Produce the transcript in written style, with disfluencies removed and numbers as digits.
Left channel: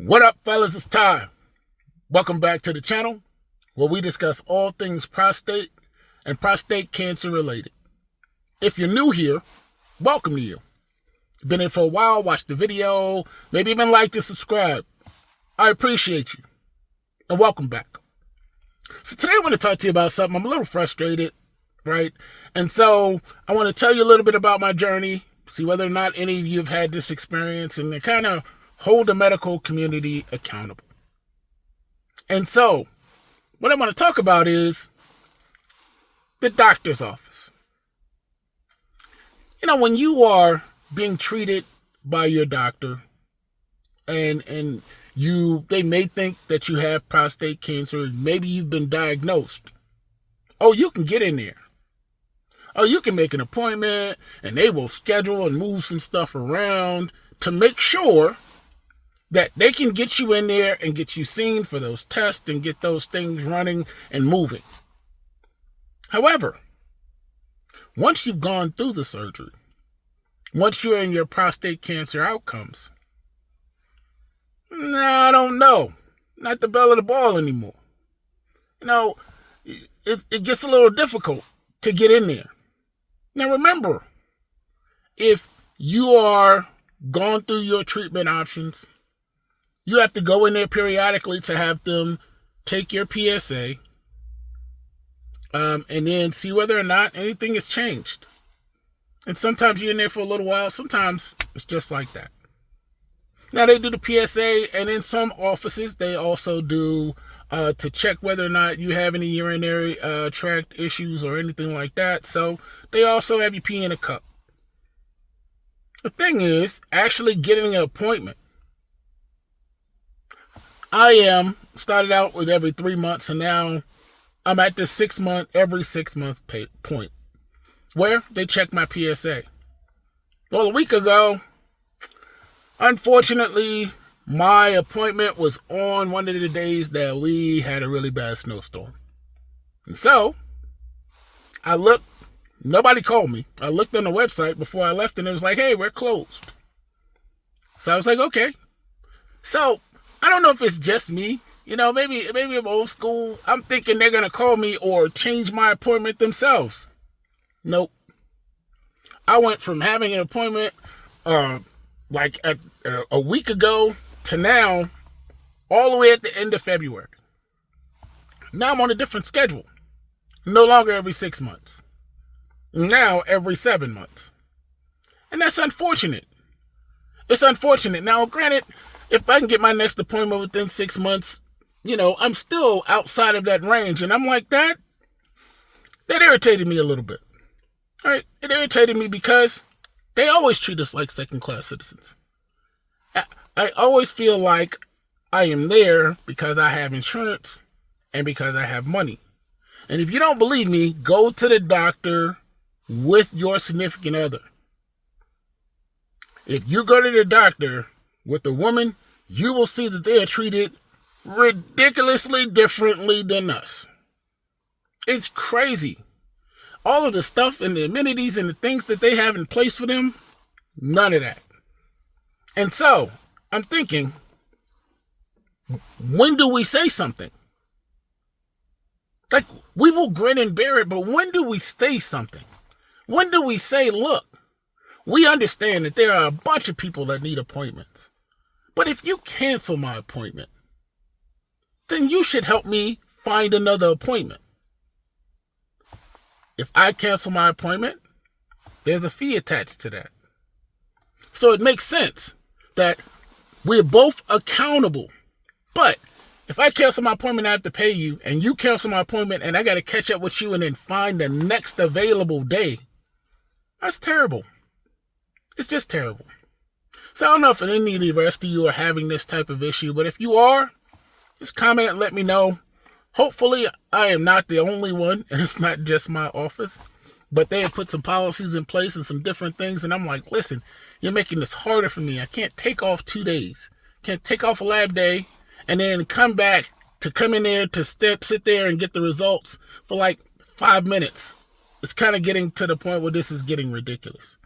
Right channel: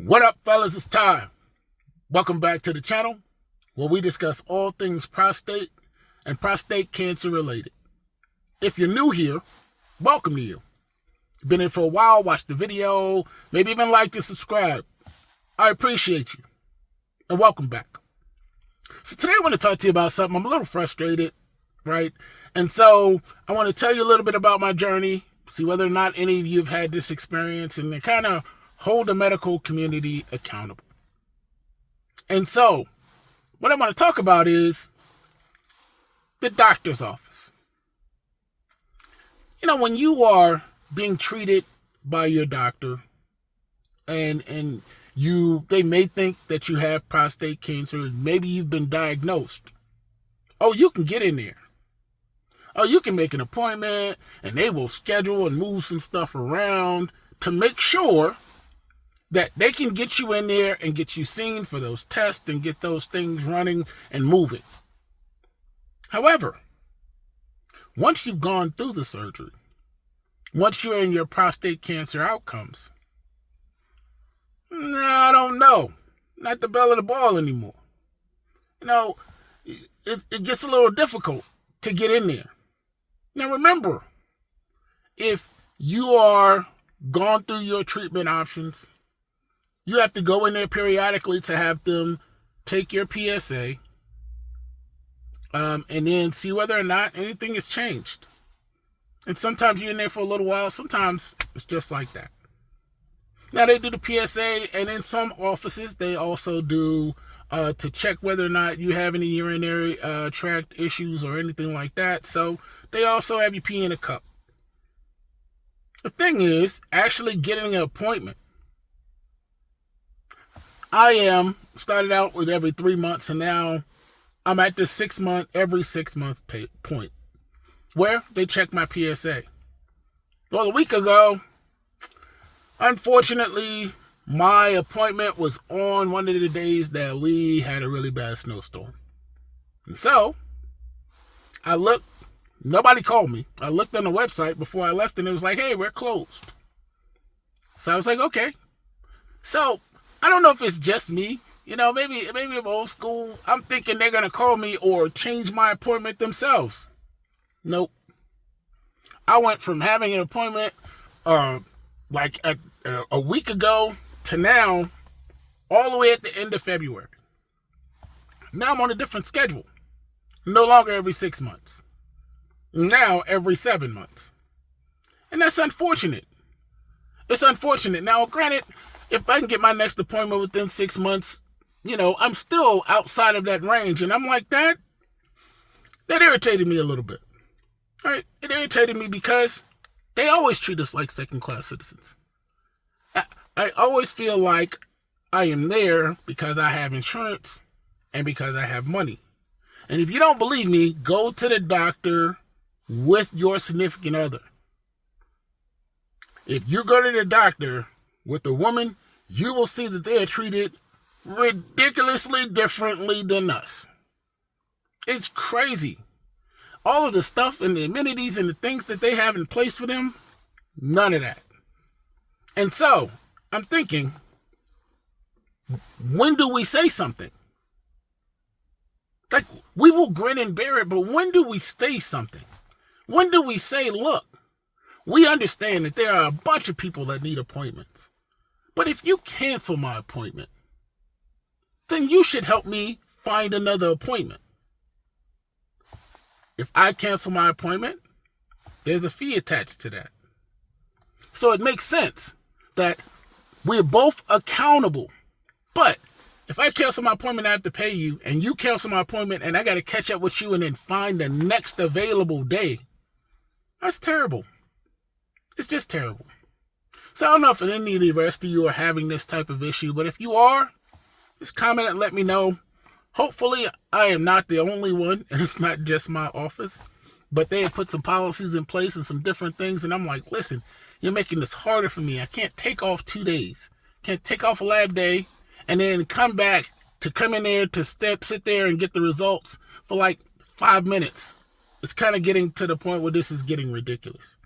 What up, fellas? It's Ty. Welcome back to the channel where we discuss all things prostate and prostate cancer related. If you're new here, welcome to you. Been here for a while, watched the video, maybe even liked and subscribe. I appreciate you. And welcome back. So today I want to talk to you about something. I'm a little frustrated, right? And so I want to tell you a little bit about my journey, see whether or not any of you have had this experience, and kind of hold the medical community accountable. And so, what I want to talk about is the doctor's office. You know, when you are being treated by your doctor and they may think that you have prostate cancer, maybe you've been diagnosed. Oh, you can get in there. Oh, you can make an appointment and they will schedule and move some stuff around to make sure that they can get you in there and get you seen for those tests and get those things running and moving. However, once you've gone through the surgery, once you're in your prostate cancer outcomes, I don't know. Not the belle of the ball anymore. You know, it gets a little difficult to get in there. Now remember, if you are gone through your treatment options, you have to go in there periodically to have them take your PSA and then see whether or not anything has changed. And sometimes you're in there for a little while. Sometimes it's just like that. Now they do the PSA, and in some offices they also do to check whether or not you have any urinary tract issues or anything like that. So they also have you pee in a cup. The thing is, actually getting an appointment. I started out with every 3 months, and now I'm at the every 6 month point where they check my PSA. Well, a week ago, unfortunately, my appointment was on one of the days that we had a really bad snowstorm. And so I looked, nobody called me. I looked on the website before I left and it was like, hey, we're closed. So I was like, okay. So I don't know if it's just me. You know, maybe I'm old school. I'm thinking they're going to call me or change my appointment themselves. Nope. I went from having an appointment like a week ago to now, all the way at the end of February. Now I'm on a different schedule. No longer every 6 months. Now every 7 months. And that's unfortunate. It's unfortunate. Now, granted, if I can get my next appointment within 6 months, you know, I'm still outside of that range. And I'm like, that irritated me a little bit. All right. It irritated me because they always treat us like second-class citizens. I always feel like I am there because I have insurance and because I have money. And if you don't believe me, go to the doctor with your significant other. If you go to the doctor with a woman, you will see that they are treated ridiculously differently than us. It's crazy. All of the stuff and the amenities and the things that they have in place for them, none of that. And so, I'm thinking, when do we say something? Like, we will grin and bear it, but when do we say something? When do we say, look, we understand that there are a bunch of people that need appointments. But if you cancel my appointment, then you should help me find another appointment. If I cancel my appointment, there's a fee attached to that. So it makes sense that we're both accountable. But if I cancel my appointment, I have to pay you, and you cancel my appointment, and I got to catch up with you and then find the next available day. That's terrible. It's just terrible. So I don't know if any of the rest of you are having this type of issue, but if you are, just comment and let me know. Hopefully, I am not the only one, and it's not just my office, but they have put some policies in place and some different things, and I'm like, listen, you're making this harder for me. I can't take off 2 days. Can't take off a lab day and then come in there to sit there and get the results for like 5 minutes. It's kind of getting to the point where this is getting ridiculous.